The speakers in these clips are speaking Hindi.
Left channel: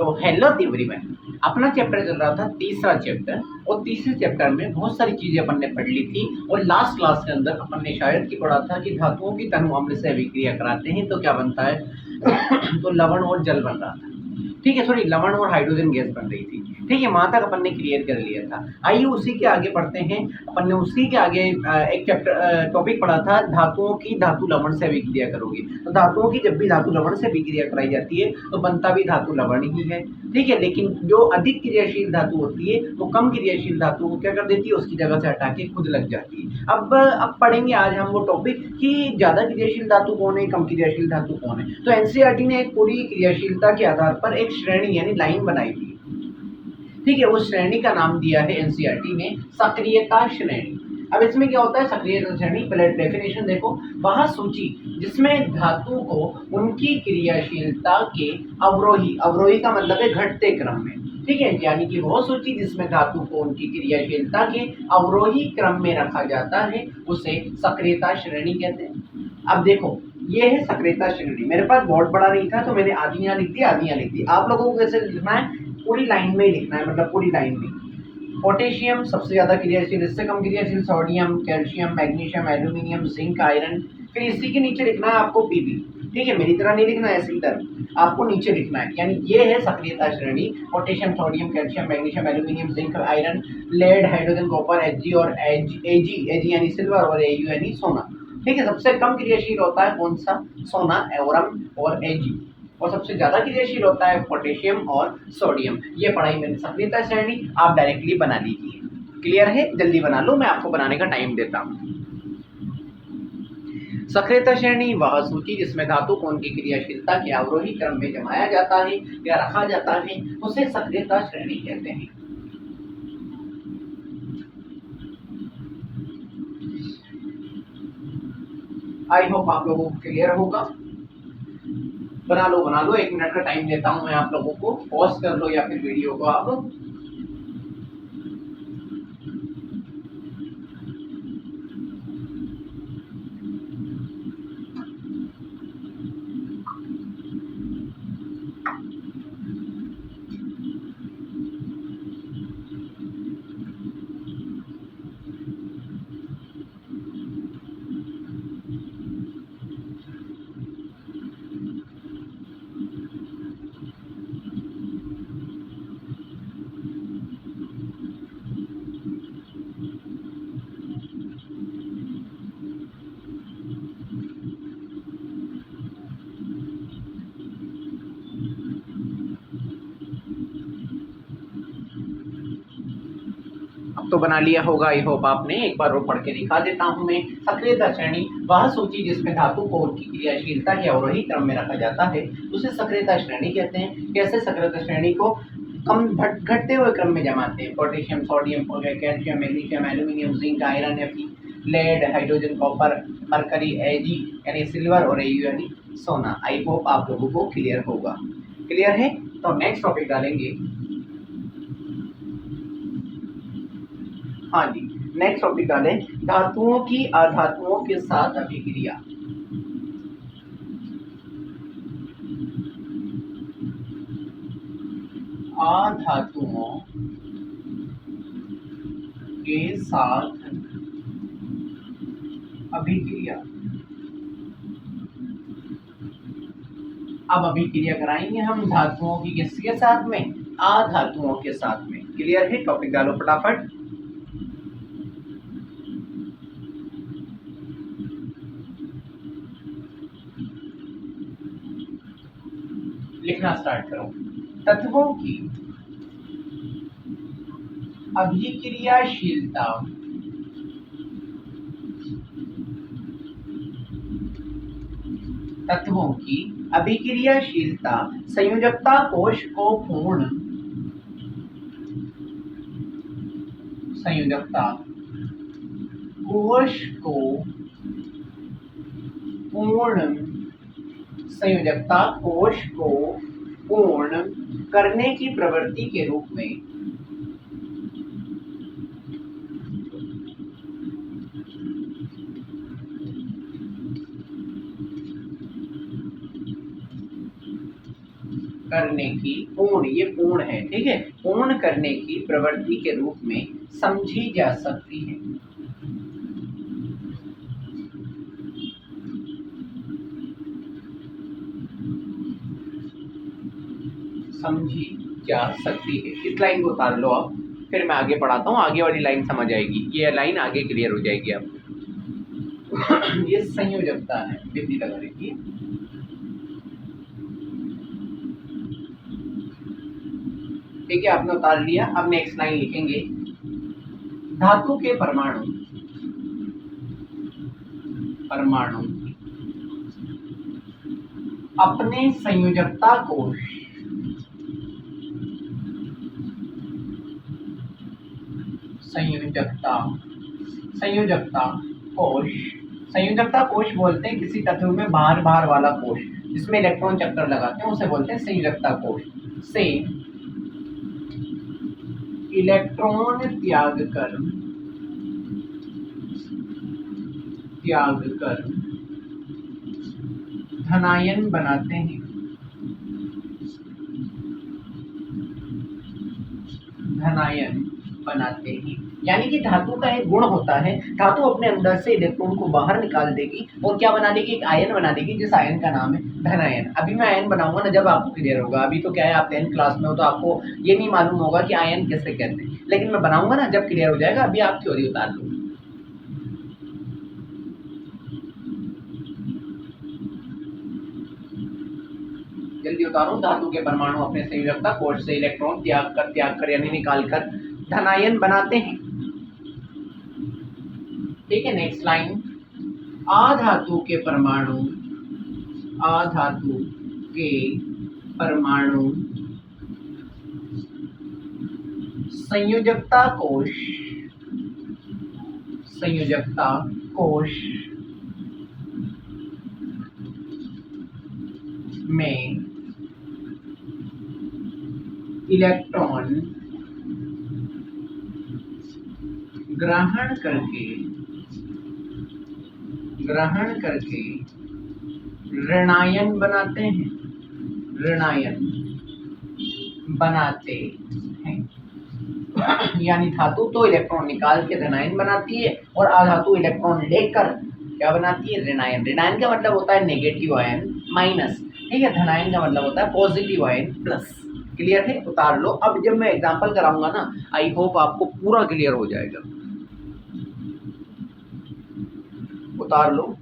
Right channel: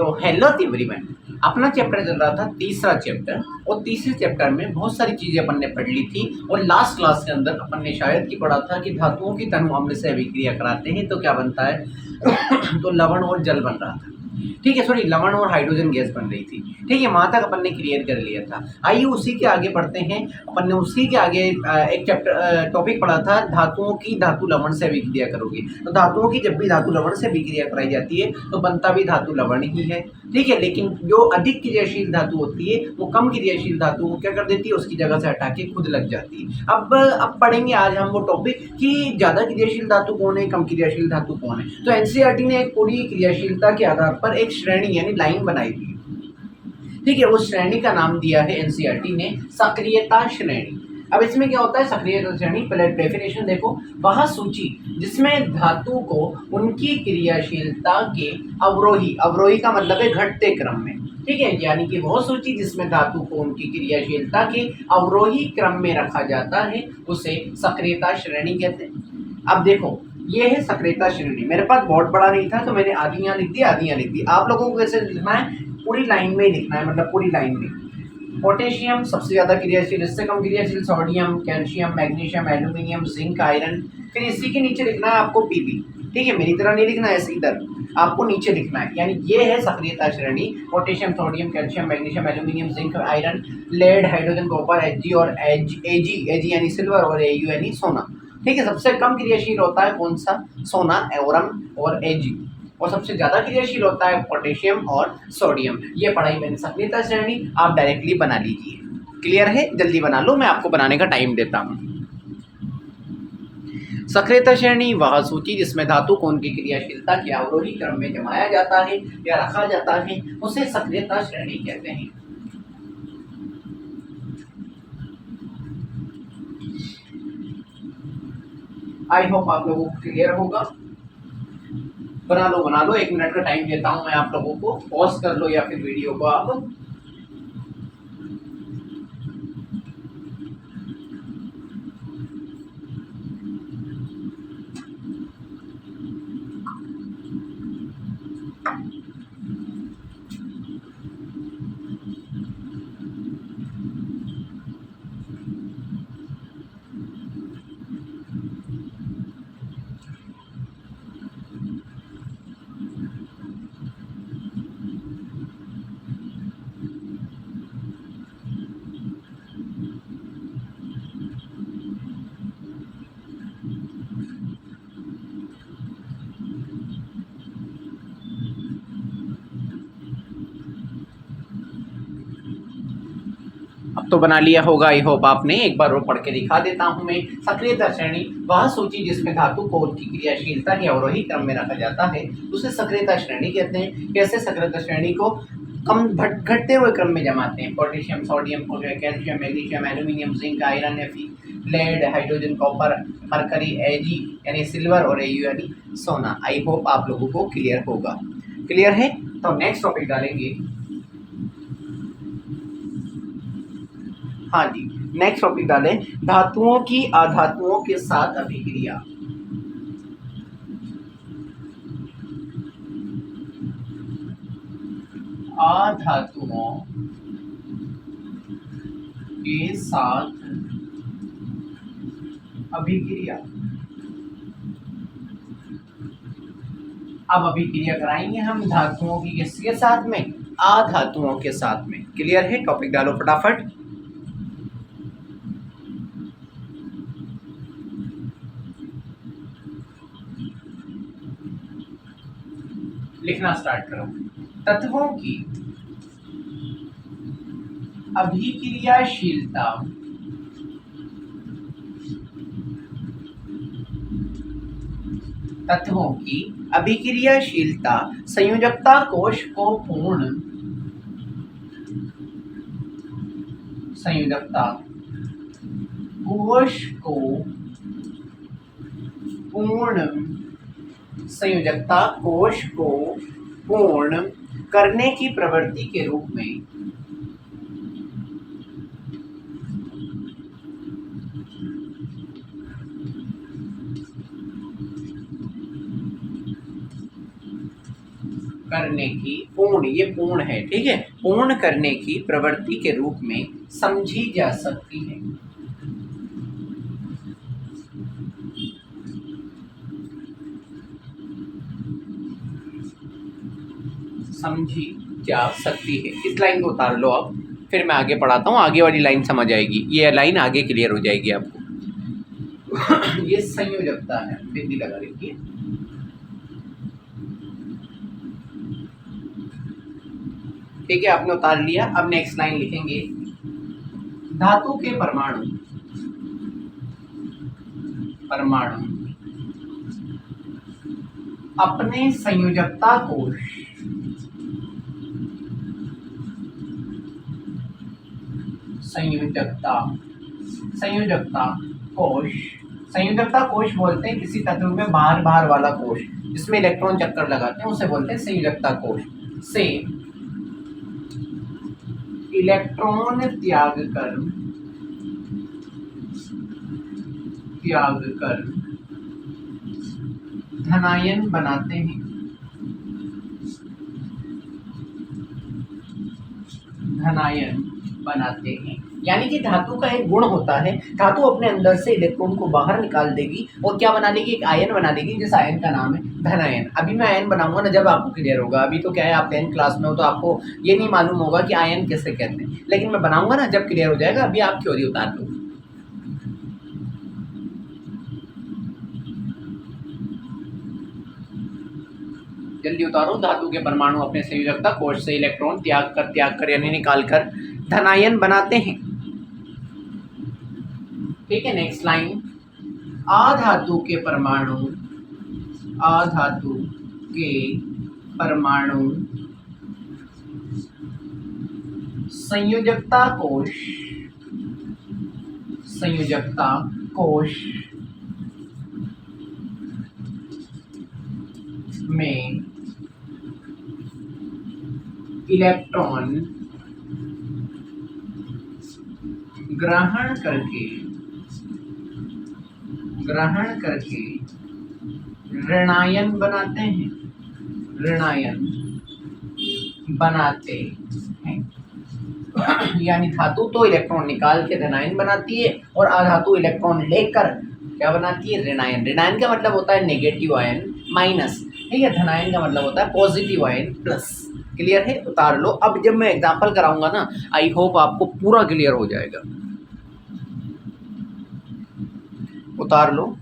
तो हेलो एवरीवन, अपना चैप्टर चल रहा था तीसरा चैप्टर। और तीसरे चैप्टर में बहुत सारी चीजें अपन ने पढ़ ली थी। और लास्ट क्लास के अंदर अपन ने शायद की पढ़ा था कि धातुओं की तनु अम्ल से अभिक्रिया कराते हैं तो क्या बनता है तो लवण और जल बन रहा था। ठीक है, सॉरी, लवण और हाइड्रोजन गैस बन रही थी। ठीक है, वहां तक अपन ने क्लियर कर लिया था। आइए उसी के आगे बढ़ते हैं। अपन ने उसी के आगे एक चैप्टर टॉपिक पढ़ा था, धातुओं की धातु लवण से अभिक्रिया करोगे। तो धातुओं की जब भी धातु लवण से अभिक्रिया कराई जाती है तो बनता भी धातु लवण ही है। ठीक है, लेकिन जो अधिक क्रियाशील धातु होती है वो कम क्रियाशील धातु को क्या कर देती है, उसकी जगह से हटा के खुद लग जाती है। अब पढ़ेंगे आज हम वो टॉपिक कि ज्यादा क्रियाशील धातु कौन है, कम क्रियाशील धातु कौन है। तो एनसीईआरटी ने एक पूरी क्रियाशीलता के आधार पर एक श्रेणी यानी लाइन बनाई थी। ठीक है, उस श्रेणी का नाम दिया है एनसीईआरटी ने सक्रियता श्रेणी। अब इसमें क्या होता है सक्रियता श्रेणी, पहले डेफिनेशन देखो। वह सूची जिसमें धातु को उनकी क्रियाशीलता के अवरोही, अवरोही का मतलब है घटते क्रम में, ठीक है, यानी कि वो सूची जिसमें धातु को उनकी क्रियाशीलता के अवरोही क्रम में रखा जाता है उसे सक्रियता श्रेणी कहते हैं। अब देखो, ये है सक्रियता श्रेणी। मेरे पास बोर्ड बड़ा नहीं था तो मैंने आधी यहाँ लिख दी, आधी यहाँ लिख दी। आप लोगों को कैसे लिखना है, पूरी लाइन में ही लिखना है, मतलब पूरी लाइन में। पोटेशियम सबसे ज्यादा क्रियाशील, इससे कम क्रियाशील sodium, calcium, magnesium, aluminium, zinc, iron. फिर इसी के नीचे लिखना है आपको पीबी। ठीक है, मेरी तरह नहीं लिखना है ऐसे इधर, आपको नीचे लिखना है। यानी ये है सक्रियता श्रेणी, potassium, sodium, calcium, magnesium, aluminium, zinc, iron, lead, hydrogen, copper, H और एजी यानी सिल्वर और एयू यानी सोना। ठीक है, सबसे कम क्रियाशील होता है कौन सा, सोना, एवरम और एजी। और सबसे ज्यादा क्रियाशील होता है पोटेशियम और सोडियम। ये पढ़ाई मैंने सक्रियता श्रेणी, आप डायरेक्टली बना लीजिए। क्लियर है, जल्दी बना लो, मैं आपको बनाने का टाइम देता हूं। सक्रियता श्रेणी वह सूची जिसमें धातु को उनकी क्रियाशीलता के अवरोही क्रम में जमाया जाता है या रखा जाता है उसे सक्रियता श्रेणी कहते हैं। आई होप आप लोगों को क्लियर होगा। बना लो, 1 मिनट का टाइम देता हूं मैं आप लोगों को, पॉज कर लो या फिर वीडियो को आप। अब तो बना लिया होगा आई होप आपने। एक बार वो पढ़ के दिखा देता हूं मैं। सक्रियता श्रेणी वह सूची जिसमें धातु को उनकी क्रियाशीलता के अवरोही क्रम में रखा जाता है उसे सक्रियता श्रेणी कहते हैं। कैसे सक्रियता श्रेणी को कम घटते हुए क्रम में जमाते हैं। Potassium, sodium, calcium, magnesium, aluminium, zinc, iron, एफी, lead, hydrogen, copper, mercury, AG यानी सिल्वर और एयू यानी सोना। आई होप आप लोगों को क्लियर होगा। क्लियर है, तो नेक्स्ट टॉपिक डालेंगे। हाँ जी, नेक्स्ट टॉपिक डालें, धातुओं की अधातुओं के साथ अभिक्रिया। अधातुओं के साथ अभिक्रिया। अब अभिक्रिया कराएंगे हम धातुओं की किसके साथ में, अधातुओं के साथ में। क्लियर है, टॉपिक डालो फटाफट। लिखना स्टार्ट करो। तत्वों की अभिक्रियाशीलता तत्वों की अभिक्रियाशीलता संयोजकता कोश को पूर्ण संयोजकता कोश को पूर्ण संयोजकता कोश को पूर्ण करने की प्रवृत्ति के रूप में करने की पूर्ण, ये पूर्ण है, ठीक है, पूर्ण करने की प्रवृत्ति के रूप में समझी जा सकती है। समझी जा सकती है। इस लाइन को उतार लो अब, फिर मैं आगे पढ़ाता हूँ, आगे वाली लाइन समझ आएगी, ये लाइन आगे क्लियर हो जाएगी आपको। ये संयोजकता है, बिंदी लगा रखिए। ठीक है, आपने उतार लिया। अब नेक्स्ट लाइन लिखेंगे, धातु के परमाणु अपने संयोजकता कोश संयोजकता कोश बोलते हैं किसी तत्व में बाहर बाहर वाला कोश जिसमें इलेक्ट्रॉन चक्कर लगाते हैं, उसे बोलते हैं संयोजकता कोश। से इलेक्ट्रॉन त्याग कर धनायन बनाते हैं। यानी कि धातु का एक गुण होता है, धातु अपने अंदर से इलेक्ट्रॉन को बाहर निकाल देगी और क्या बना लेगी, एक आयन बना लेगी, जिस आयन का नाम है धनायन। अभी मैं आयन बनाऊंगा ना, जब आपको क्लियर होगा। अभी तो क्या है, आप 10th क्लास में हो तो आपको ये नहीं मालूम होगा कि आयन कैसे कहते हैं, लेकिन मैं बनाऊंगा ना जब क्लियर हो जाएगा। अभी आप थ्योरी उतार दो। जल्दी उतारो। धातु के परमाणु अपने संयोजकता कोश से इलेक्ट्रॉन त्याग कर यानी निकाल कर धनायन बनाते हैं। ठीक है, नेक्स्ट लाइन, अधातु के परमाणु संयोजकता कोश में इलेक्ट्रॉन ग्रहण करके ऋणायन बनाते हैं। यानी धातु तो इलेक्ट्रॉन निकाल के धनायन बनाती है और अधातु इलेक्ट्रॉन लेकर क्या बनाती है, ऋणायन। ऋणायन का मतलब होता है नेगेटिव आयन माइनस, ठीक है। धनायन का मतलब होता है पॉजिटिव आयन प्लस। क्लियर है, उतार लो। अब जब मैं एग्जांपल कराऊंगा ना, आई होप आपको पूरा क्लियर हो जाएगा। उतार लो।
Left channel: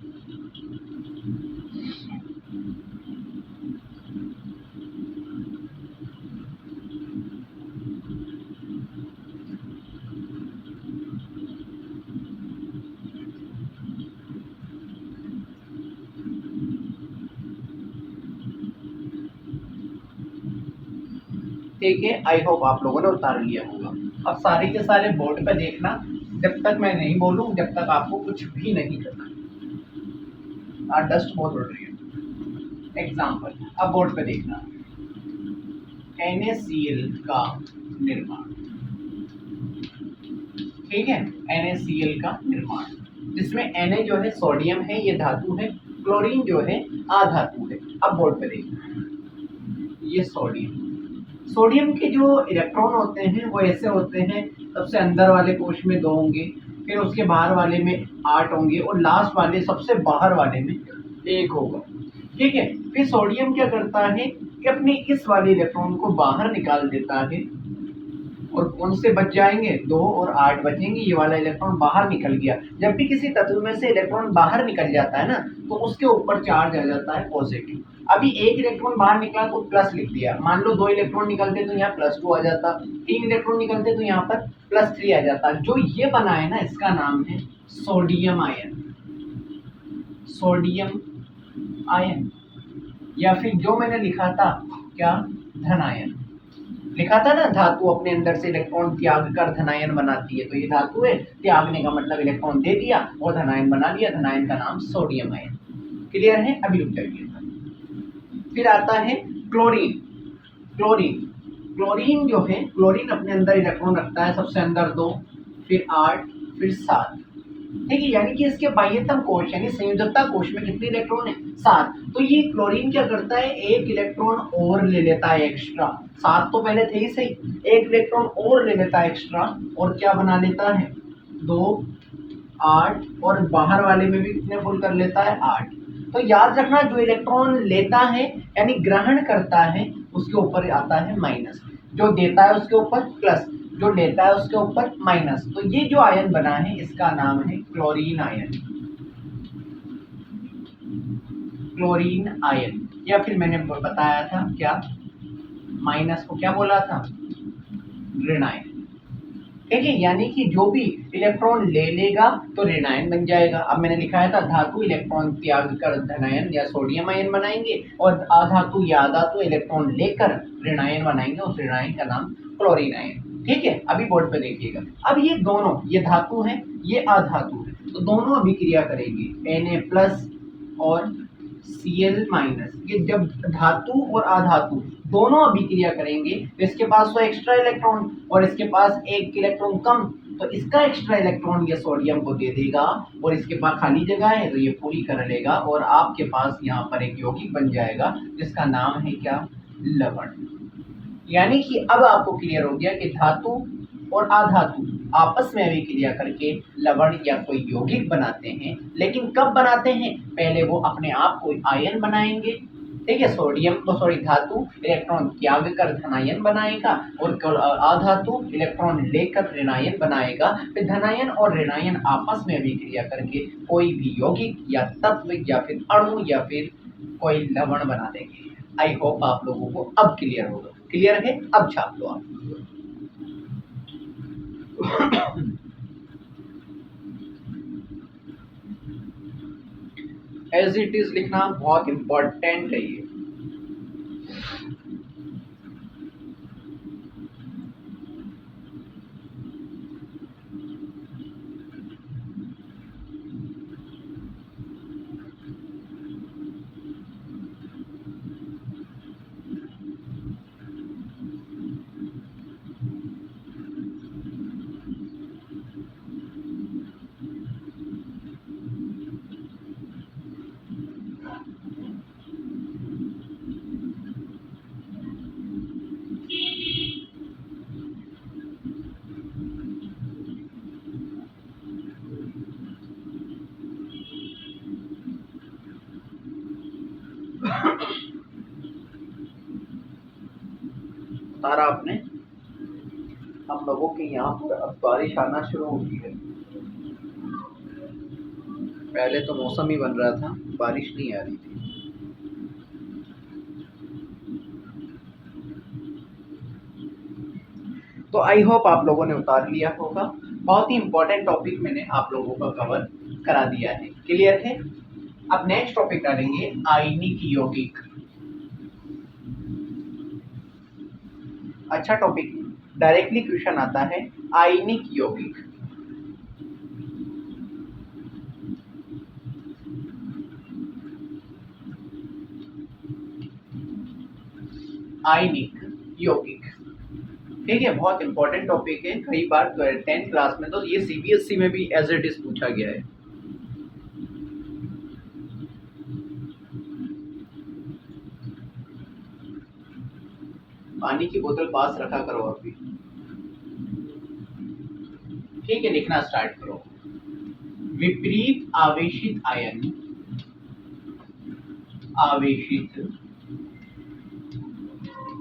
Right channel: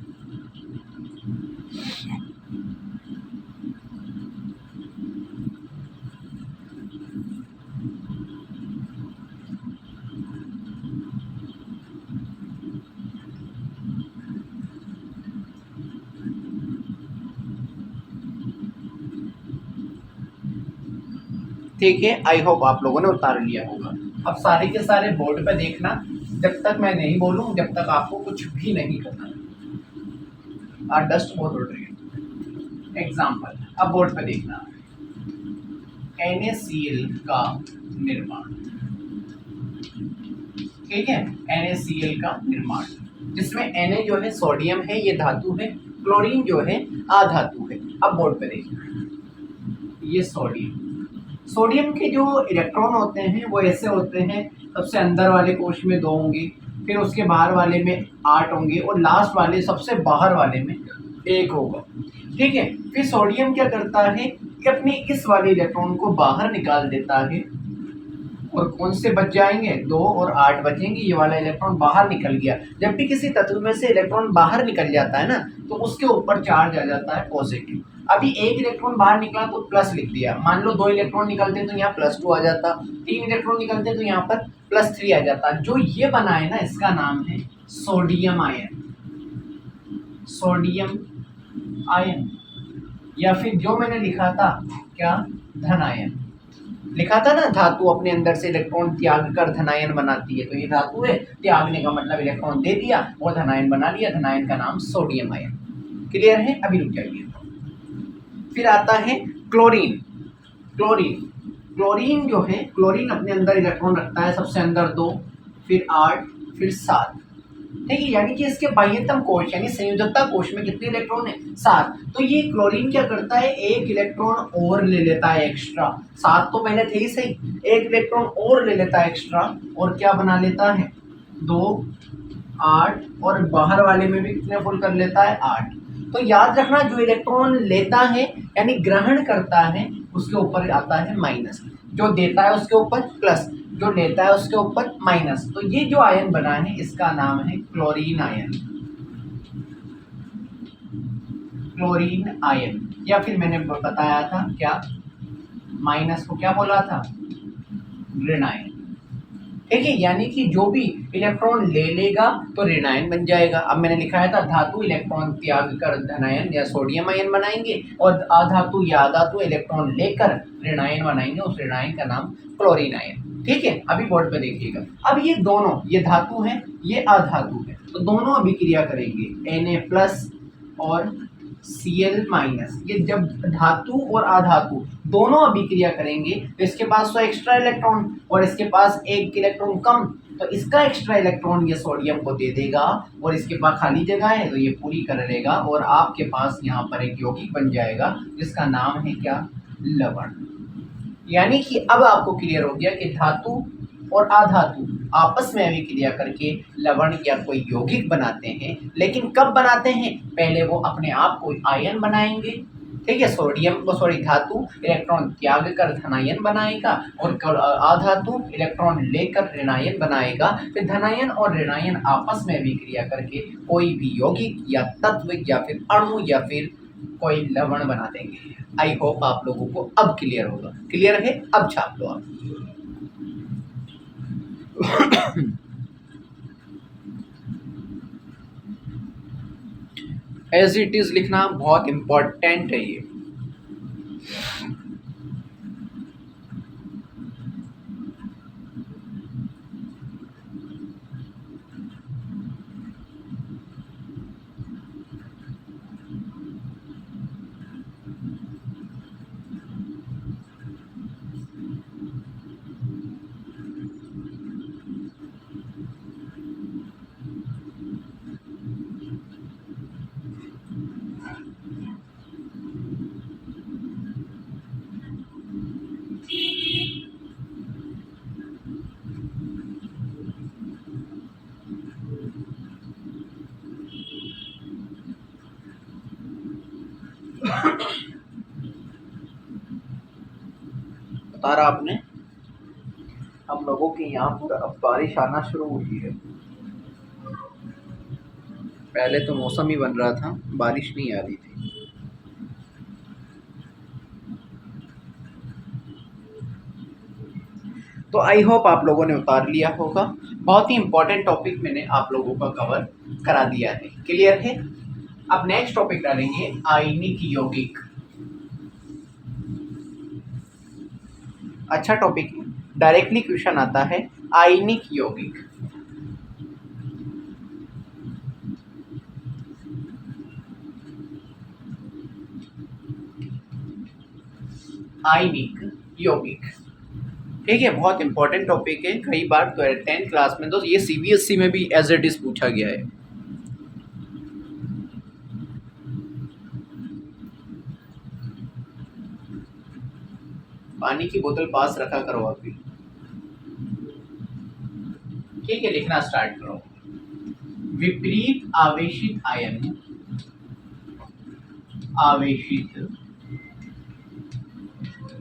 ठीक है, आई होप आप लोगों ने उतार लिया होगा। अब सारे के सारे बोर्ड पे देखना, जब तक मैं नहीं बोलूं जब तक आपको कुछ भी नहीं करना। और डस्ट बहुत उड़ रही है। एग्जाम्पल, अब बोर्ड पे देखना, NaCl का निर्माण, ठीक है, NaCl का निर्माण, जिसमें Na जो है सोडियम है, ये धातु है, क्लोरीन जो है अधातु है। अब बोर्ड पे देखना, ये सोडियम के जो इलेक्ट्रॉन होते हैं वो ऐसे होते हैं, सबसे अंदर वाले कोश में 2 होंगे, फिर उसके बाहर वाले में 8 होंगे और लास्ट वाले सबसे बाहर वाले में 1 होगा, ठीक है। फिर सोडियम क्या करता है कि अपने इस वाले इलेक्ट्रॉन को बाहर निकाल देता है और कौन से बच जाएंगे, 2 और 8 बचेंगे। ये वाला इलेक्ट्रॉन बाहर निकल गया। जब भी किसी तत्व में से इलेक्ट्रॉन बाहर निकल जाता है ना, तो उसके ऊपर चार्ज आ जाता है पॉजिटिव। अभी 1 इलेक्ट्रॉन बाहर निकला तो प्लस लिख दिया। मान लो 2 इलेक्ट्रॉन निकलते तो यहाँ +2 आ जाता, 3 इलेक्ट्रॉन निकलते तो यहाँ पर +3 आ जाता। जो ये बना है ना, इसका नाम है सोडियम आयन, या फिर जो मैंने लिखा था क्या, धनायन लिखा था ना। धातु अपने अंदर से इलेक्ट्रॉन त्याग कर धनायन बनाती है, तो ये धातु है, त्यागने का मतलब इलेक्ट्रॉन दे दिया और धनायन बना लिया। धनायन का नाम सोडियम आयन। क्लियर है, अभी रुक जाइए। फिर आता है क्लोरीन जो है, क्लोरीन अपने अंदर इलेक्ट्रॉन रखता है, सबसे अंदर 2, फिर 8, फिर 7, ठीक है, यानी कि इसके बाह्यतम कोश यानी संयोजकता कोश में कितने इलेक्ट्रॉन है? 7। तो ये क्लोरीन क्या करता है, एक इलेक्ट्रॉन और ले लेता है एक्स्ट्रा। 7 तो पहले थे ही सही, एक इलेक्ट्रॉन और ले लेता है एक्स्ट्रा और क्या बना लेता है, 2, 8 और बाहर वाले में भी कितने फुल कर लेता है, 8। तो याद रखना जो इलेक्ट्रॉन लेता है यानी ग्रहण करता है उसके ऊपर आता है माइनस, जो देता है उसके ऊपर प्लस, जो लेता है उसके ऊपर माइनस। तो ये जो आयन बना है इसका नाम है क्लोरीन आयन। क्लोरीन आयन, या फिर मैंने बताया था क्या, माइनस को क्या बोला था, ऋण आयन। ठीक है, यानी कि जो भी इलेक्ट्रॉन ले लेगा तो ऋणायन बन जाएगा। अब मैंने लिखाया था धातु इलेक्ट्रॉन त्याग कर धनायन या सोडियम आयन बनाएंगे और अधातु या अधातु इलेक्ट्रॉन लेकर ऋणायन बनाएंगे, उस ऋणायन का नाम क्लोरीन आयन। ठीक है, अभी बोर्ड पे देखिएगा। अब ये दोनों, ये धातु है ये अधातु है, तो दोनों अभिक्रिया करेंगे Na+ और Cl-। ये जब धातु और अधातु दोनों अभिक्रिया करेंगे तो इसके पास तो एक्स्ट्रा इलेक्ट्रॉन और इसके पास एक इलेक्ट्रॉन कम, तो इसका एक्स्ट्रा इलेक्ट्रॉन ये सोडियम को दे देगा और इसके पास खाली जगह है तो ये पूरी कर लेगा और आपके पास यहाँ पर एक यौगिक बन जाएगा जिसका नाम है क्या, लवण। यानी कि अब आपको क्लियर हो गया कि धातु और अधातु आपस में अभिक्रिया करके लवण या कोई यौगिक बनाते हैं, लेकिन कब बनाते हैं, पहले वो अपने आप को आयन बनाएंगे। ठीक है, सोडियम को सॉरी धातु इलेक्ट्रॉन त्याग कर धनायन बनाएगा और अधातु इलेक्ट्रॉन लेकर ऋणायन बनाएगा। फिर धनायन और ऋणायन आपस में अभिक्रिया करके कोई भी यौगिक या तत्व या फिर अणु या फिर कोई लवण बना देंगे। आई होप आप लोगों को अब क्लियर होगा। क्लियर है, अब छाप लो आप। एज इट इज लिखना बहुत इंपॉर्टेंट है ये। बता रहा आपने, हम लोगों के यहाँ पर अब बारिश आना शुरू हुई है। पहले तो मौसम ही बन रहा था, बारिश नहीं आ रही थी। तो आई होप आप लोगों ने उतार लिया होगा। बहुत ही इंपॉर्टेंट टॉपिक मैंने आप लोगों का कवर करा दिया है। क्लियर है, अब नेक्स्ट टॉपिक डालेंगे आयनिक यौगिक। अच्छा टॉपिक, डायरेक्टली क्वेश्चन आता है आयनिक यौगिक। आयनिक यौगिक, ठीक है, बहुत इंपॉर्टेंट टॉपिक है। कई बार 10th क्लास में तो ये सीबीएसई में भी एज इट इज पूछा गया है। पानी की बोतल पास रखा करो अभी। ठीक है, लिखना स्टार्ट करो। विपरीत आवेशित आयन, आवेशित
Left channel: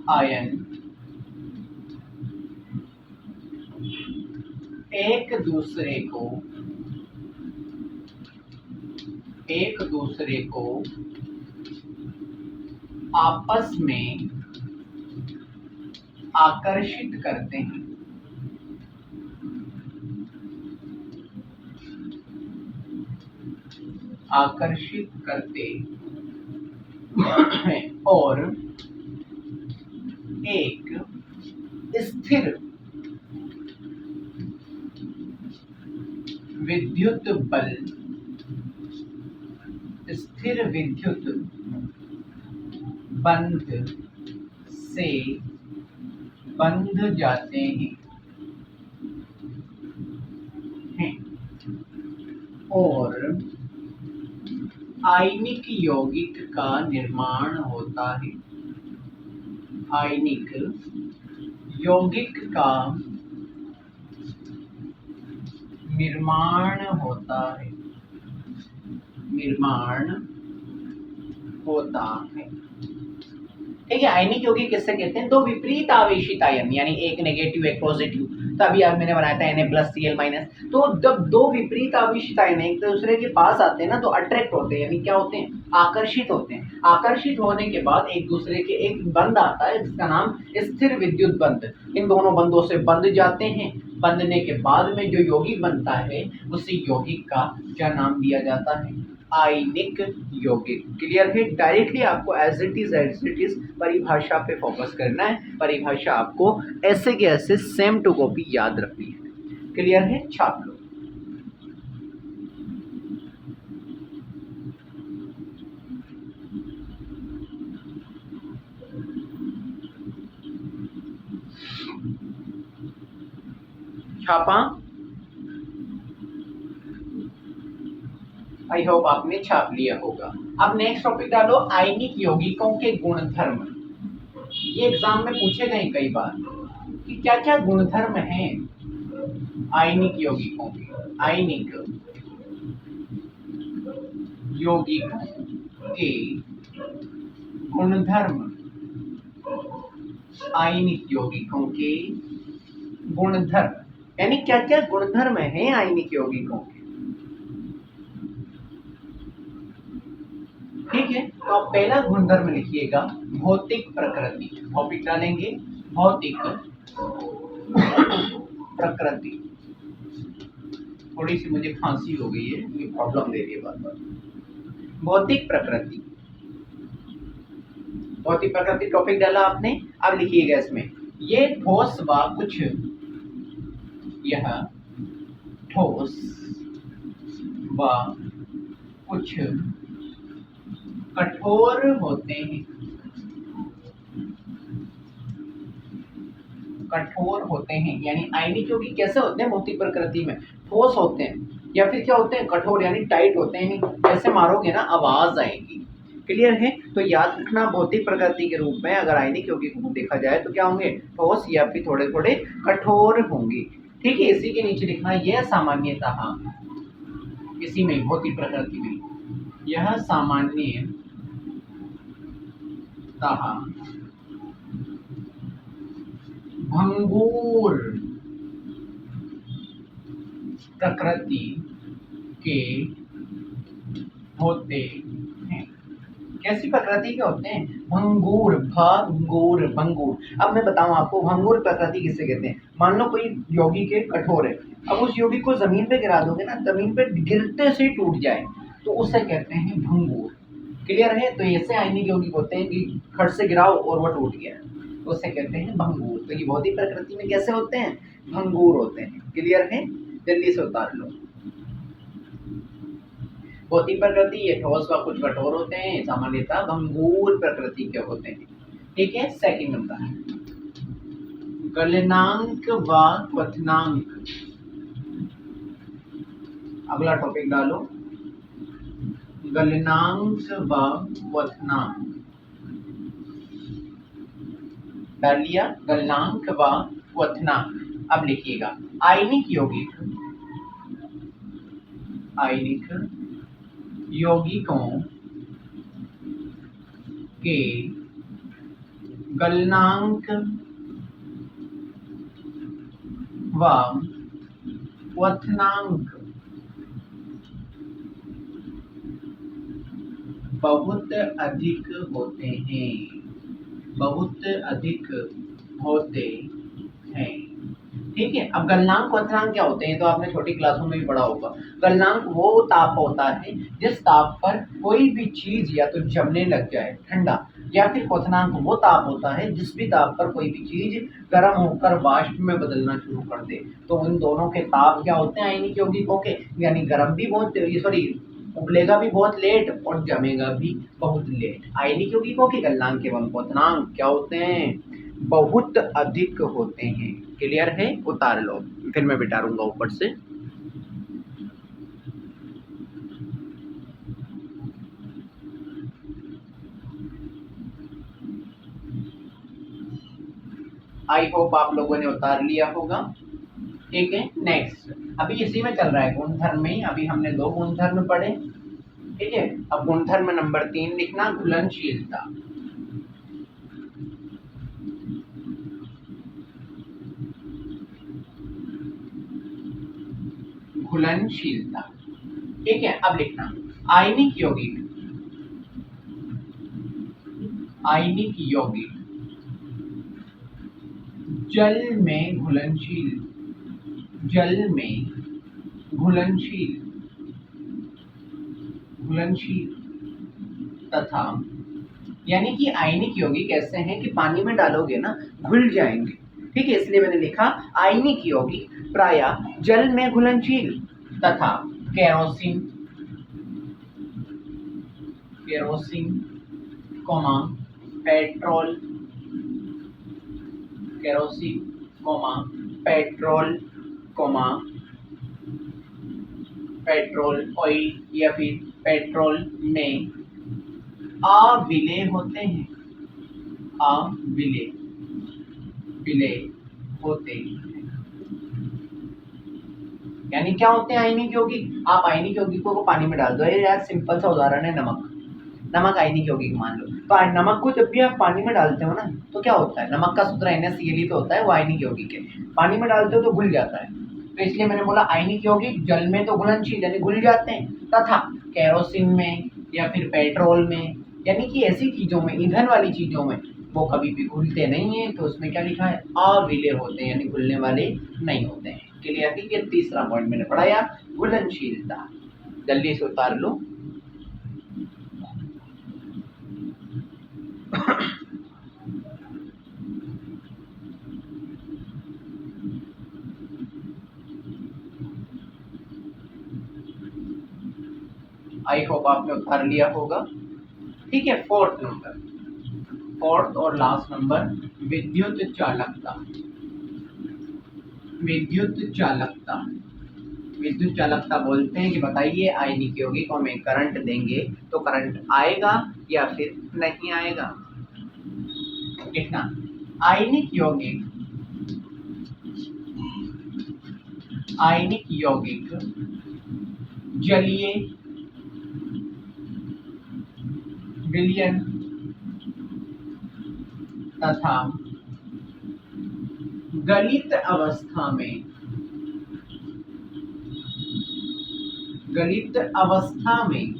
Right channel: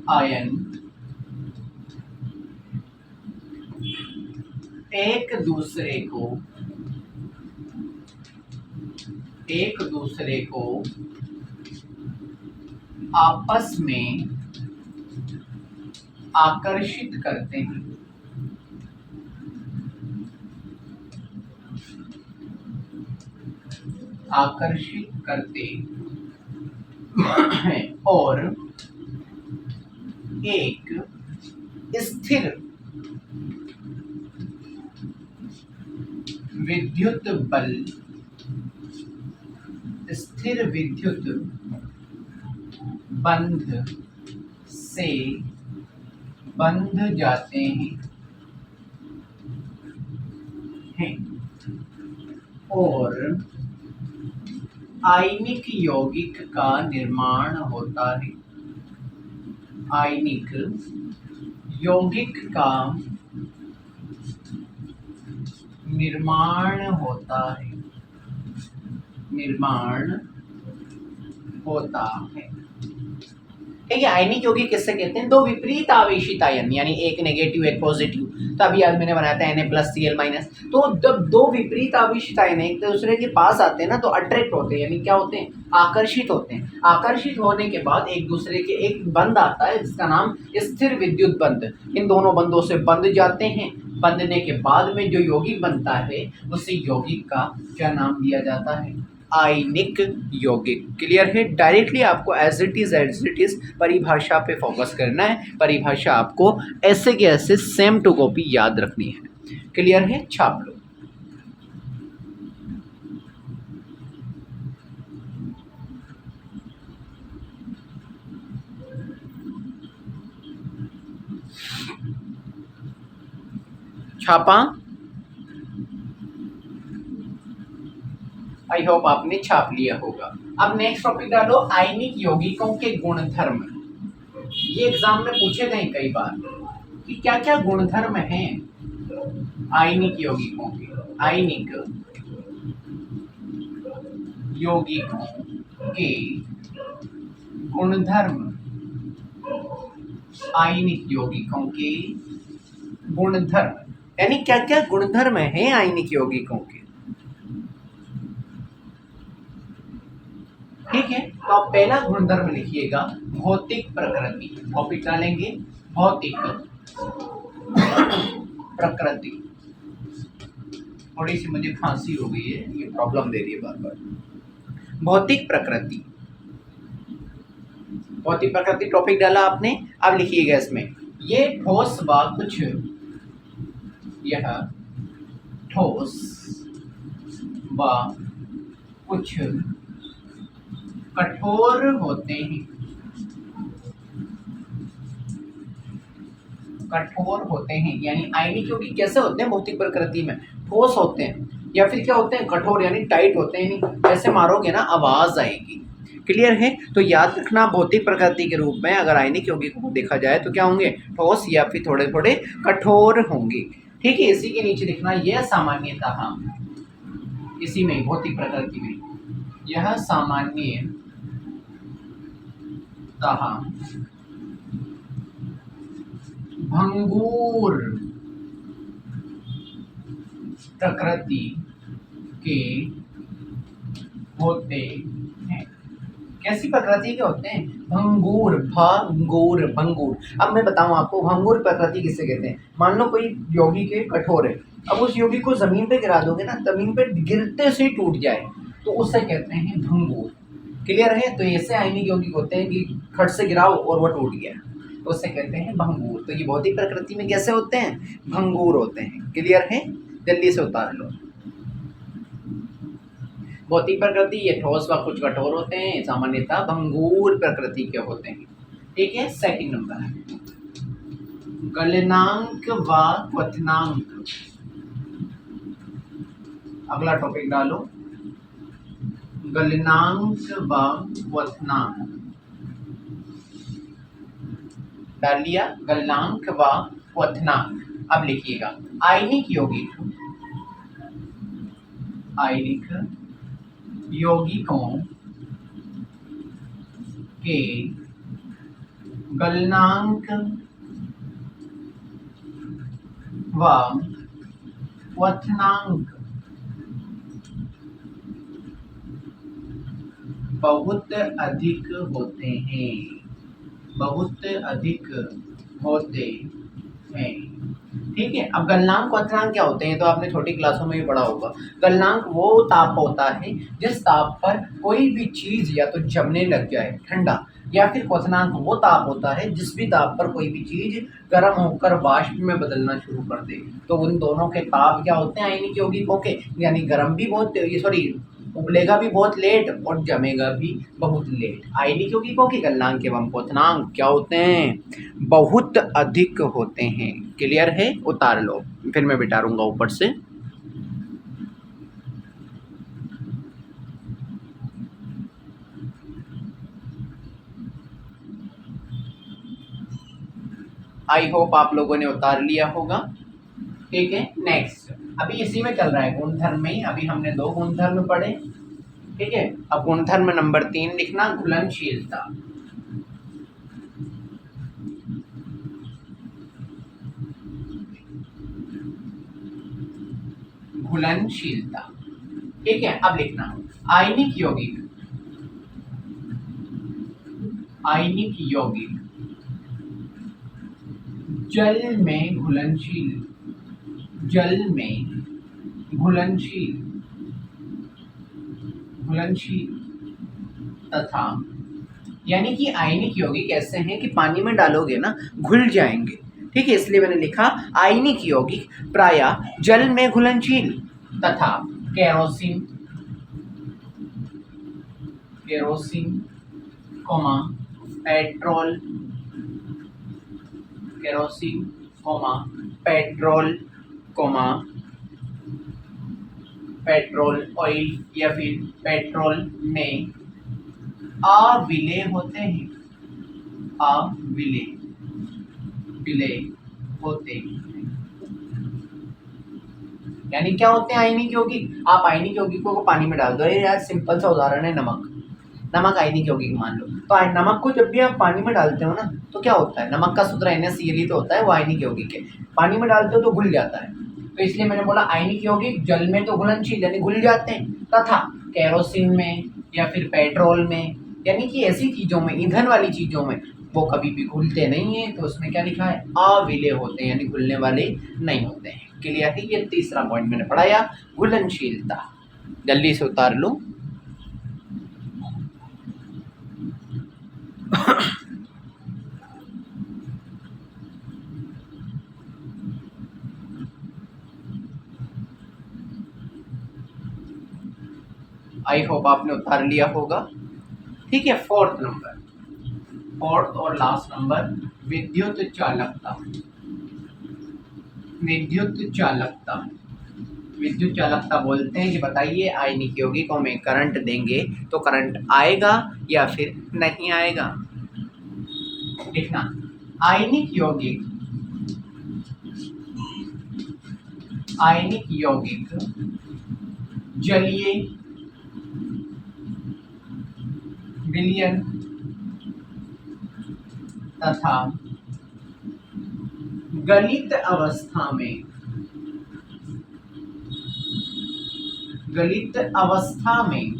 आयन एक दूसरे को आपस में आकर्षित करते हैं। आकर्षित करते हैं और एक स्थिर विद्युत बल, स्थिर विद्युत बंध से बंध जाते हैं। और आयनिक यौगिक का निर्माण होता है। आयनिक यौगिक का निर्माण होता है। निर्माण होता है। ठीक है, आयनिक यौगिक किससे कहते हैं? दो विपरीत आवेशित आयन, यानी एक नेगेटिव एक पॉजिटिव। तो अभी आज मैंने बनाया था Na+Cl-। तो जब दो विपरीत आवेशित आयन एक दूसरे के पास आते हैं ना, तो अट्रैक्ट होते हैं, यानी क्या होते हैं? आकर्षित होते हैं। आकर्षित होने के बाद एक दूसरे के एक बंध आता है जिसका नाम स्थिर विद्युत बंध। इन दोनों बंधों से बंध जाते हैं। बंधने के बाद में जो यौगिक बनता है उसी यौगिक का क्या नाम दिया जाता है? आयनिक यौगिक। क्लियर है? डायरेक्टली आपको एज इट इज परिभाषा पे फोकस करना है। परिभाषा आपको ऐसे के ऐसे सेम टू कॉपी याद रखनी है। क्लियर है? छाप लो। छापा? आई होप आपने छाप लिया होगा। अब नेक्स्ट टॉपिक डालो, आयनिक यौगिकों के गुणधर्म। ये एग्जाम में पूछे गए कई बार कि क्या क्या गुणधर्म हैं आयनिक यौगिकों के। आयनिक यौगिकों के गुणधर्म। आयनिक यौगिकों के गुणधर्म, यानी क्या क्या गुणधर्म हैं आयनिक यौगिकों के। ठीक है, तो आप पहला गुणधर्म लिखिएगा भौतिक प्रकृति। टॉपिक डालेंगे भौतिक प्रकृति। थोड़ी सी मुझे खांसी हो गई है, ये प्रॉब्लम दे रही है बार बार। भौतिक प्रकृति। भौतिक प्रकृति टॉपिक डाला आपने। अब लिखिएगा इसमें ये ठोस व कुछ, यह ठोस व कुछ कठोर होते हैं। कठोर होते हैं, यानी आयनिक यौगिक कैसे होते हैं भौतिक प्रकृति में? ठोस होते हैं, या फिर क्या होते हैं? कठोर, यानी टाइट होते हैं, जैसे मारोगे ना आवाज आएगी। क्लियर है? तो याद रखना भौतिक प्रकृति के रूप में अगर आयनिक यौगिकों को देखा जाए तो क्या होंगे? ठोस या फिर थोड़े थोड़े कठोर होंगे। ठीक है, इसी के नीचे लिखना यह सामान्यतः, इसी में भौतिक प्रकृति में यह सामान्यतः भंगुर प्रकृति के होते हैं। कैसी प्रकृति के होते हैं? भंगुर। भंगुर भंगुर। अब मैं बताऊं आपको भंगुर प्रकृति किससे कहते हैं। मान लो कोई यौगिक है कठोर है, अब उस यौगिक को जमीन पे गिरा दोगे ना, जमीन पे गिरते से टूट जाए तो उससे कहते हैं भंगुर। क्लियर है? तो ऐसे आयनिक यौगिक होते हैं कि खट से गिराओ और वो टूट गया, तो उससे कहते हैं भंगुर। तो ये भौतिक प्रकृति में कैसे होते हैं? भंगुर होते हैं। क्लियर है? जल्दी से उतार लो। भौतिक प्रकृति ये ठोस व कुछ कठोर होते हैं, सामान्यतः भंगुर प्रकृति के होते हैं। ठीक है, सेकंड नंबर गलनांक व क्वथनांक। अगला टॉपिक डालो गलनांक व क्वथनांक। डाल लिया गलनांक व क्वथनांक। अब लिखिएगा आयनिक यौगिक, आयनिक यौगिकों के गलनांक व क्वथनांक बहुत अधिक होते हैं। बहुत अधिक होते हैं। ठीक है, अब गलनांक क्वथनांक क्या होते हैं तो आपने छोटी क्लासों में भी पढ़ा होगा। गलनांक वो ताप होता है जिस ताप पर कोई भी चीज या तो जमने लग जाए ठंडा, या फिर क्वथनांक वो ताप होता है जिस भी ताप पर कोई भी चीज गर्म होकर वाष्प में बदलना शुरू कर दे। तो उन दोनों के ताप क्या होते हैं आयनिक यौगिकों के, यानी गर्म भी बहुत, सॉरी उबलेगा भी बहुत लेट और जमेगा भी बहुत लेट। आयनिक यौगिकों के गलनांक एवं क्वथनांक क्या होते हैं? बहुत अधिक होते हैं। क्लियर है? उतार लो, फिर मैं बिठारूंगा ऊपर से। आई होप आप लोगों ने उतार लिया होगा। ठीक है, नेक्स्ट अभी इसी में चल रहा है गुणधर्म में ही। अभी हमने 2 गुणधर्म पढ़े। ठीक है, अब गुणधर्म नंबर 3 लिखना, घुलनशीलता। घुलनशीलता। ठीक है, अब लिखना आयनिक यौगिक। आयनिक यौगिक जल में घुलनशील, जल में घुलनशील, घुलनशील तथा, यानी कि आयनिक यौगिक ऐसे हैं कि पानी में डालोगे ना घुल जाएंगे। ठीक है, इसलिए मैंने लिखा आयनिक यौगिक प्रायः जल में घुलनशील तथा kerosene, kerosene comma petrol, kerosene comma petrol comma petrol oil या फिर पेट्रोल में अविलेय होते हैं, अविलेय, विलेय होते हैं। यानी क्या होते हैं आयनिक यौगिक? आप आयनिक यौगिकों को पानी में डाल दो। ये यार सिंपल सा उदाहरण है, नमक। नमक आयनिक यौगिक मान लो, तो नमक को जब भी आप पानी में डालते हो ना तो क्या होता है, नमक का सूत्र NaCl तो होता है, वो आयनिक यौगिक है। पानी में डालते हो तो घुल जाता है, तो इसलिए मैंने बोला आयनिक यौगिक जल में तो घुलनशील यानी घुल जाते हैं, तथा केरोसिन में या फिर पेट्रोल में, यानी कि ऐसी चीजों में, ईंधन वाली चीजों में वो कभी भी घुलते नहीं है। तो उसमें क्या लिखा है, अविलेय होते हैं, यानी घुलने वाले नहीं होते हैं। क्लियर है? ये तीसरा पॉइंट मैंने पढ़ाया, घुलनशीलता। जल्दी से उतार लो। आई होप आपने उतार लिया होगा। ठीक है, फोर्थ नंबर, फोर्थ और लास्ट नंबर, विद्युत चालकता। विद्युत चालकता, विद्युत चालकता बोलते हैं कि बताइए आयनिक यौगिकों में करंट देंगे तो करंट आएगा या फिर नहीं आएगा। लिखना आयनिक यौगिक, आयनिक यौगिक जलीय विलयन तथा गलित अवस्था में, गलित अवस्था में,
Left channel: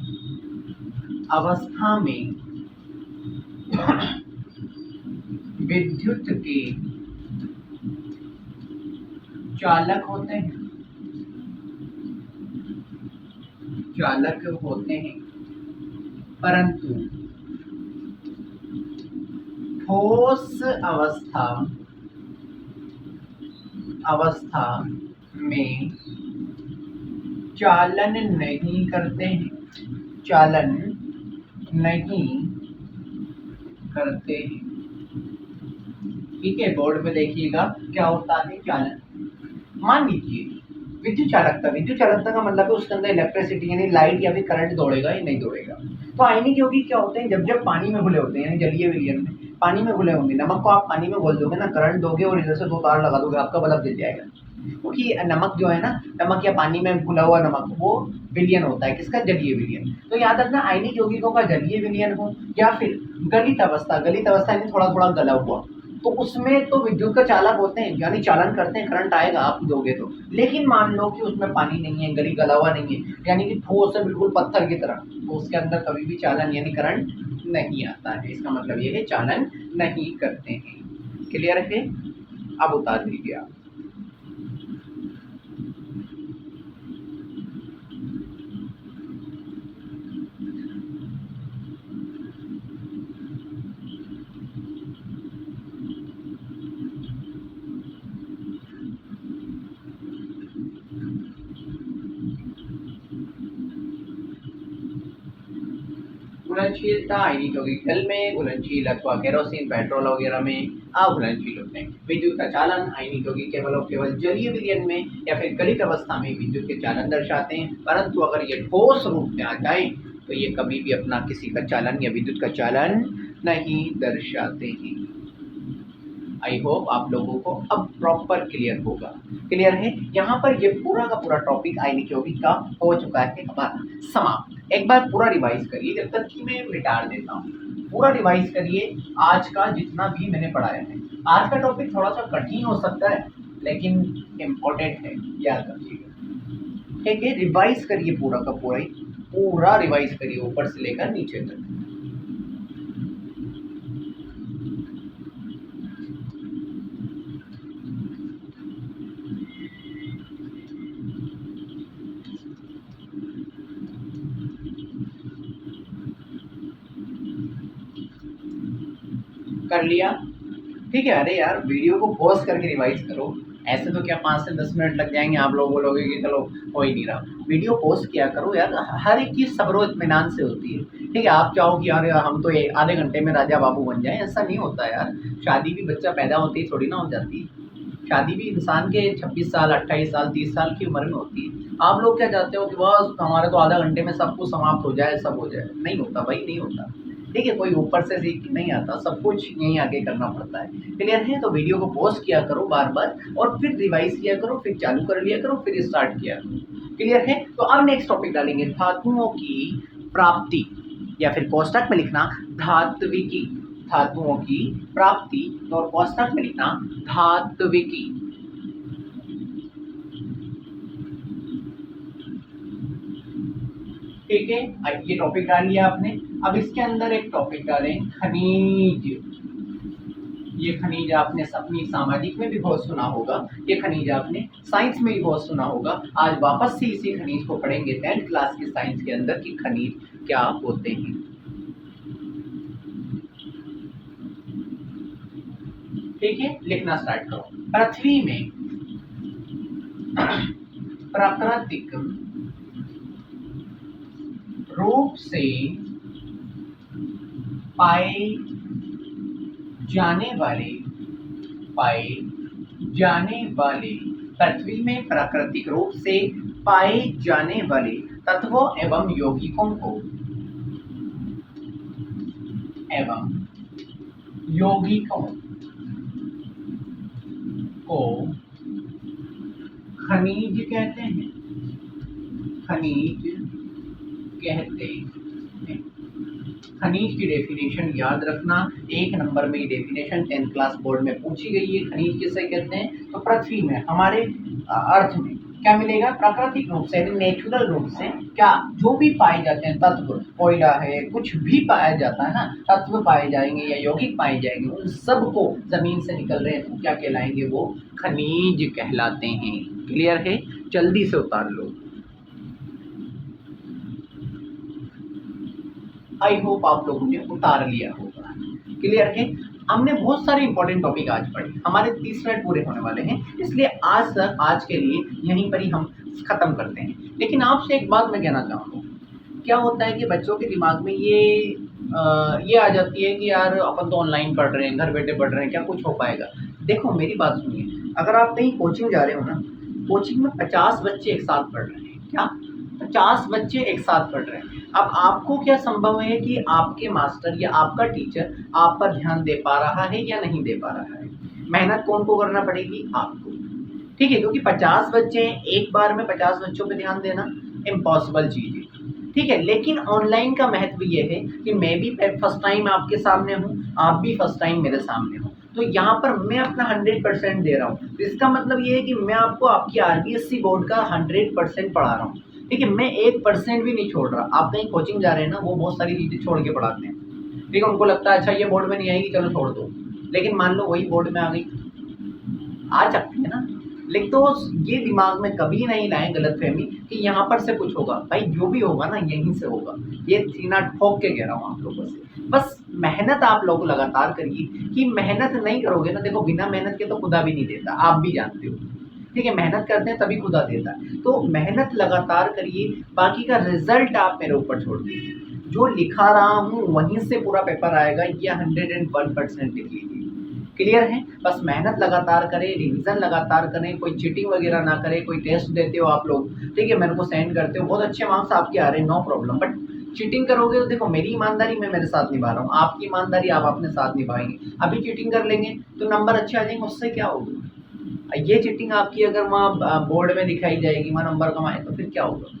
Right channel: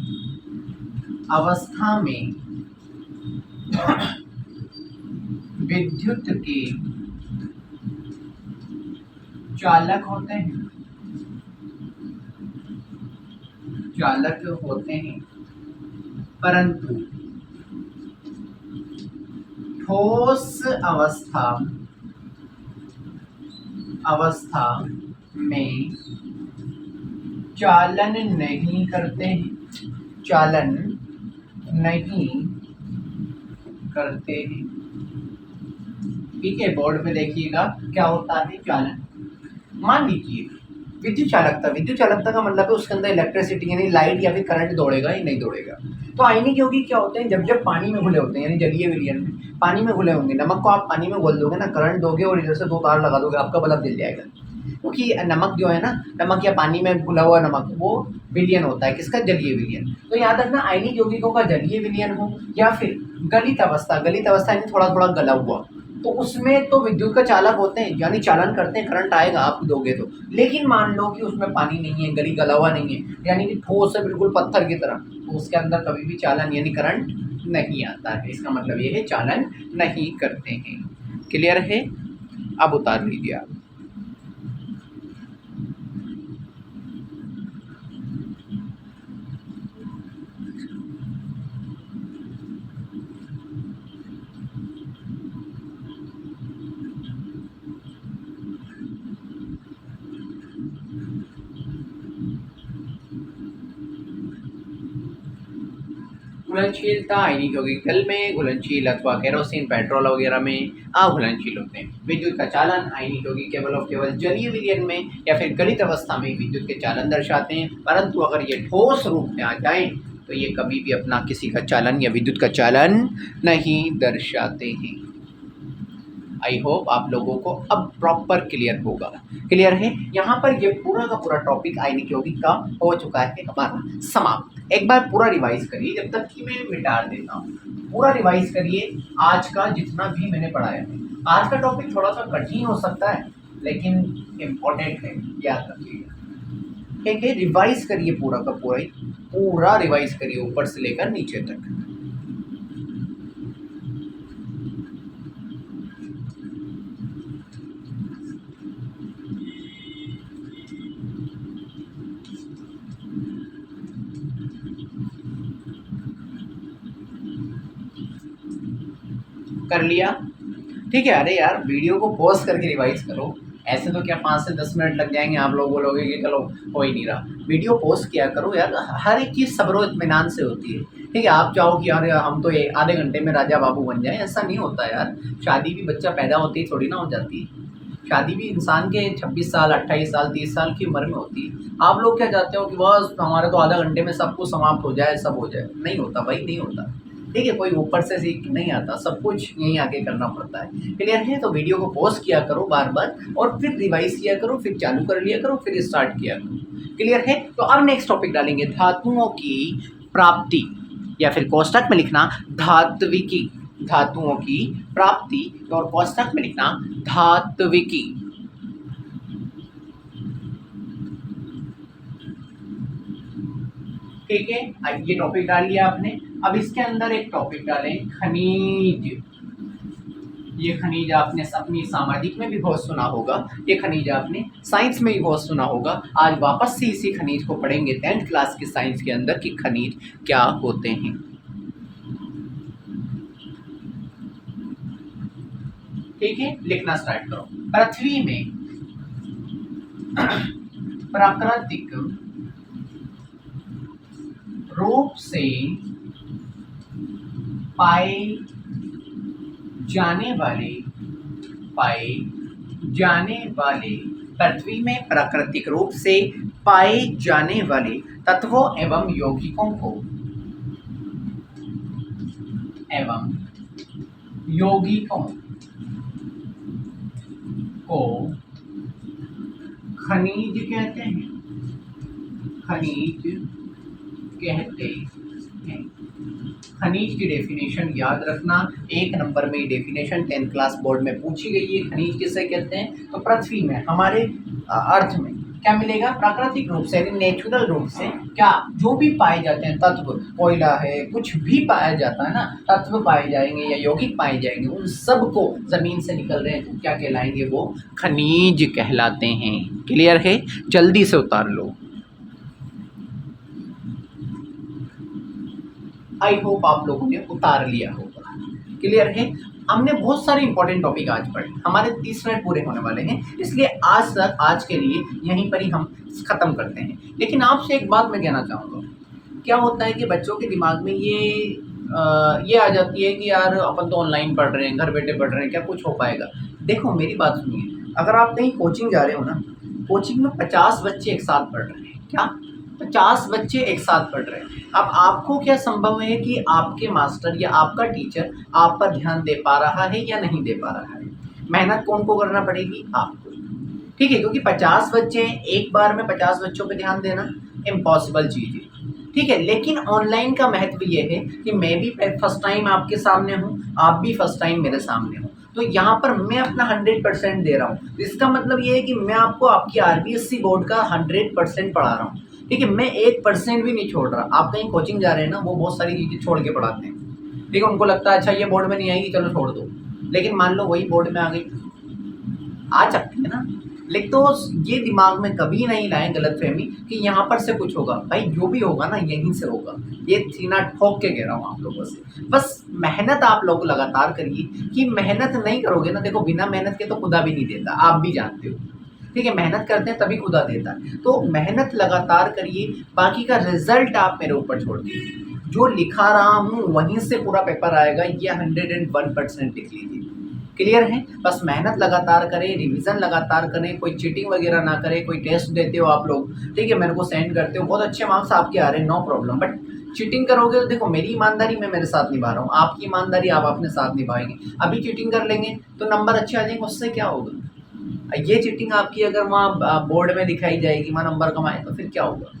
अवस्था में विद्युत के चालक होते हैं, चालक होते हैं, परंतु ठोस अवस्था, अवस्था में चालन नहीं करते हैं, चालन नहीं करते हैं। ठीक है, बोर्ड पे देखिएगा क्या होता है चालन। मान लीजिए विद्युत चालकता, विद्युत चालकता का मतलब है उसके अंदर इलेक्ट्रिसिटी यानी लाइट या फिर करंट दौड़ेगा या नहीं दौड़ेगा। तो आयनिक यौगिक क्या होते हैं, जब जब पानी में घुले होते हैं यानी जलीय विलयन में पानी में घुले होंगे, नमक को आप पानी में घोल दोगे ना, करंट दोगे और इधर से 2 तार लगा दोगे, आपका बल्ब जल जाएगा। क्योंकि नमक जो है ना, नमक या पानी में घुला हुआ नमक वो विलयन होता है, किसका, जलीय विलयन। तो याद रखना आयनिक यौगिकों का जलीय विलयन हो या फिर गलित अवस्था, गलित अवस्था यानी थोड़ा थोड़ा गला हुआ, तो उसमें तो विद्युत का चालक होते हैं यानी चालन करते हैं, करंट आएगा आप दोगे तो। लेकिन मान लो कि उसमें पानी नहीं है, गला हुआ नहीं है, यानी कि ठोस है बिल्कुल पत्थर की तरह, तो उसके अंदर कभी भी चालन यानी करंट नहीं आता है। इसका मतलब ये है चालन नहीं करते हैं। क्लियर है? अब उतार लीजिए आप। घुलनशीलता आयनिक यौगिक जल में घुलनशील अथवा केरोसिन पेट्रोल वगैरह में अघुलनशील होते हैं। विद्युत का चालन आयनिक यौगिक केवल और केवल जलीय विलयन में या फिर गलित अवस्था में विद्युत के चालन दर्शाते हैं, परंतु अगर ये ठोस रूप में आ जाए तो ये कभी भी अपना किसी का चालन या विद्युत का चालन नहीं दर्शाते हैं। आई होप आप लोगों को अब प्रॉपर क्लियर होगा। क्लियर है? यहाँ पर ये पूरा का पूरा टॉपिक आयनिक यौगिक का हो चुका है हमारा समाप्त। एक बार पूरा रिवाइज करिए जब तक कि मैं मिटा देता हूँ। पूरा रिवाइज करिए आज का जितना भी मैंने पढ़ाया है। आज का टॉपिक थोड़ा सा कठिन हो सकता है लेकिन इम्पोर्टेंट है, याद रखिएगा। ठीक है, रिवाइज करिए पूरा का पूरा ही, पूरा रिवाइज करिए ऊपर से लेकर नीचे तक। कर लिया? ठीक है। अरे यार वीडियो को पॉज करके रिवाइज करो। ऐसे तो क्या 5 से 10 मिनट लग जाएंगे, आप लोग बोलोगे कि चलो हो ही नहीं रहा। वीडियो पॉज किया करो यार, हर एक चीज़ सब्र इत्मीनान से होती है। ठीक है, आप चाहो कि यार हम तो ये आधे घंटे में राजा बाबू बन जाए, ऐसा नहीं होता यार। शादी भी बच्चा पैदा होते ही थोड़ी ना हो जाती है। शादी भी इंसान के 26 साल 28 साल 30 साल की उम्र में होती है। आप लोग क्या चाहते हो कि बस हमारे तो आधा घंटे में सब कुछ समाप्त हो जाए, सब हो जाए। नहीं होता भाई, नहीं होता। ठीक है, कोई ऊपर से सीख नहीं आता, सब कुछ यहीं आके करना पड़ता है। क्लियर है? तो वीडियो को पॉज किया करो बार बार और फिर रिवाइज किया करो, फिर चालू कर लिया करो, फिर स्टार्ट किया करो। क्लियर है? तो अब नेक्स्ट टॉपिक डालेंगे धातुओं की प्राप्ति, या फिर कोष्टक में लिखना धात्विकी। धातुओं की प्राप्ति और कोष्टक में लिखना धात्विकी। ठीक है, ये टॉपिक डाल लिया आपने। अब इसके अंदर एक टॉपिक डालें खनिज। ये खनिज आपने अपनी सामाजिक में भी बहुत सुना होगा, ये खनिज आपने साइंस में भी बहुत सुना होगा। आज वापस से इसी खनिज को पढ़ेंगे 10th क्लास की साइंस के अंदर कि खनिज क्या होते हैं। ठीक है, लिखना स्टार्ट करो। पृथ्वी में प्राकृतिक रूप से पाए जाने वाले पृथ्वी में प्राकृतिक रूप से पाए जाने वाले तत्वों एवं यौगिकों को खनिज कहते हैं। खनिज कहते हैं। खनिज की डेफिनेशन याद रखना, 1 नंबर में डेफिनेशन 10th क्लास बोर्ड में पूछी गई है। खनिज किसे कहते हैं? तो पृथ्वी में हमारे अर्थ में क्या मिलेगा? प्राकृतिक रूप से, नेचुरल रूप से क्या जो भी पाए जाते हैं तत्व, कोयला है, कुछ भी पाया जाता है ना, तत्व पाए जाएंगे या यौगिक पाए जाएंगे, उन सब को जमीन से निकल रहे हैं तो क्या कहलाएंगे? वो खनिज कहलाते हैं। क्लियर है? जल्दी से उतार लो। आई होप आप लोगों ने उतार लिया होगा। क्लियर है? हमने बहुत सारे इंपॉर्टेंट टॉपिक आज पढ़े, हमारे 30 मिनट पूरे होने वाले हैं, इसलिए आज के लिए यहीं पर ही हम खत्म करते हैं। लेकिन आपसे एक बात मैं कहना चाहूँगा, क्या होता है कि बच्चों के दिमाग में ये आ जाती है कि यार अपन तो ऑनलाइन पढ़ रहे हैं, घर बैठे पढ़ रहे हैं, क्या कुछ हो पाएगा? देखो मेरी बात सुनिए, अगर आप कहीं कोचिंग जा रहे हो ना, कोचिंग में 50 बच्चे एक साथ पढ़ रहे हैं। क्या? 50 बच्चे एक साथ पढ़ रहे हैं। अब आपको क्या संभव है कि आपके मास्टर या आपका टीचर आप पर ध्यान दे पा रहा है या नहीं दे पा रहा है? मेहनत कौन को करना पड़ेगी? आपको। ठीक है, क्योंकि 50 बच्चे हैं, एक बार में 50 बच्चों पे ध्यान देना इम्पॉसिबल चीज़ है। ठीक है, लेकिन ऑनलाइन का महत्व ये है कि मैं भी फर्स्ट टाइम आपके सामने हूँ, आप भी फर्स्ट टाइम मेरे सामने हो, तो यहाँ पर मैं अपना 100% दे रहा हूँ। इसका मतलब ये है कि मैं आपको आपकी आरबीएससी बोर्ड का 100% पढ़ा रहा हूँ। ठीक है, मैं 1% भी नहीं छोड़ रहा। आप कहीं कोचिंग जा रहे हैं ना, वो बहुत सारी चीज़ें छोड़ के पढ़ाते हैं। ठीक है, उनको लगता है अच्छा ये बोर्ड में नहीं आएगी, चलो छोड़ दो। लेकिन मान लो वही बोर्ड में आ गई, आ सकती है ना। लेकिन तो ये दिमाग में कभी नहीं लाएं गलतफहमी कि यहाँ पर से कुछ होगा। भाई जो भी होगा ना यहीं से होगा, ये सीना ठोक के कह रहा हूँ आप लोगों से। बस मेहनत आप लोग लगातार करिए, कि मेहनत नहीं करोगे ना, देखो बिना मेहनत के तो खुदा भी नहीं देता, आप भी जानते हो। ठीक है, मेहनत करते हैं तभी खुदा देता है। तो मेहनत लगातार करिए, बाकी का रिजल्ट आप मेरे ऊपर छोड़ दीजिए। जो लिखा रहा हूँ वहीं से पूरा पेपर आएगा, ये 101% लिख लीजिए। क्लियर है? बस मेहनत लगातार करें, रिवीजन लगातार करें, कोई चीटिंग वगैरह ना करें। कोई टेस्ट देते हो आप लोग, ठीक है, मेरे को सेंड करते हो, बहुत अच्छे मार्क्स आपके आ रहे हैं, नो प्रॉब्लम, बट चीटिंग करोगे तो देखो मेरी ईमानदारी मैं मेरे साथ निभा रहा हूँ, आपकी ईमानदारी आप अपने साथ निभाएंगे। अभी चीटिंग कर लेंगे तो नंबर अच्छे आ जाएंगे, उससे क्या होगा। ये चीटिंग आपकी अगर वहाँ बोर्ड में दिखाई जाएगी, वहाँ नंबर कमाए तो फिर क्या होगा।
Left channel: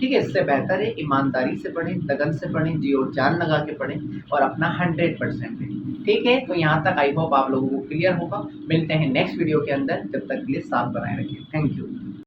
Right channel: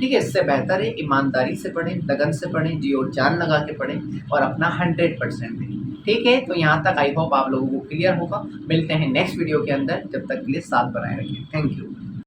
ठीक है, इससे बेहतर है ईमानदारी से पढ़ें, लगन से पढ़ें, जी और जान लगा के पढ़ें और अपना 100% दें। ठीक है, तो यहाँ तक आई होप आप लोगों को क्लियर होगा। मिलते हैं नेक्स्ट वीडियो के अंदर, जब तक के लिए साथ बनाए रखिए। Thank you.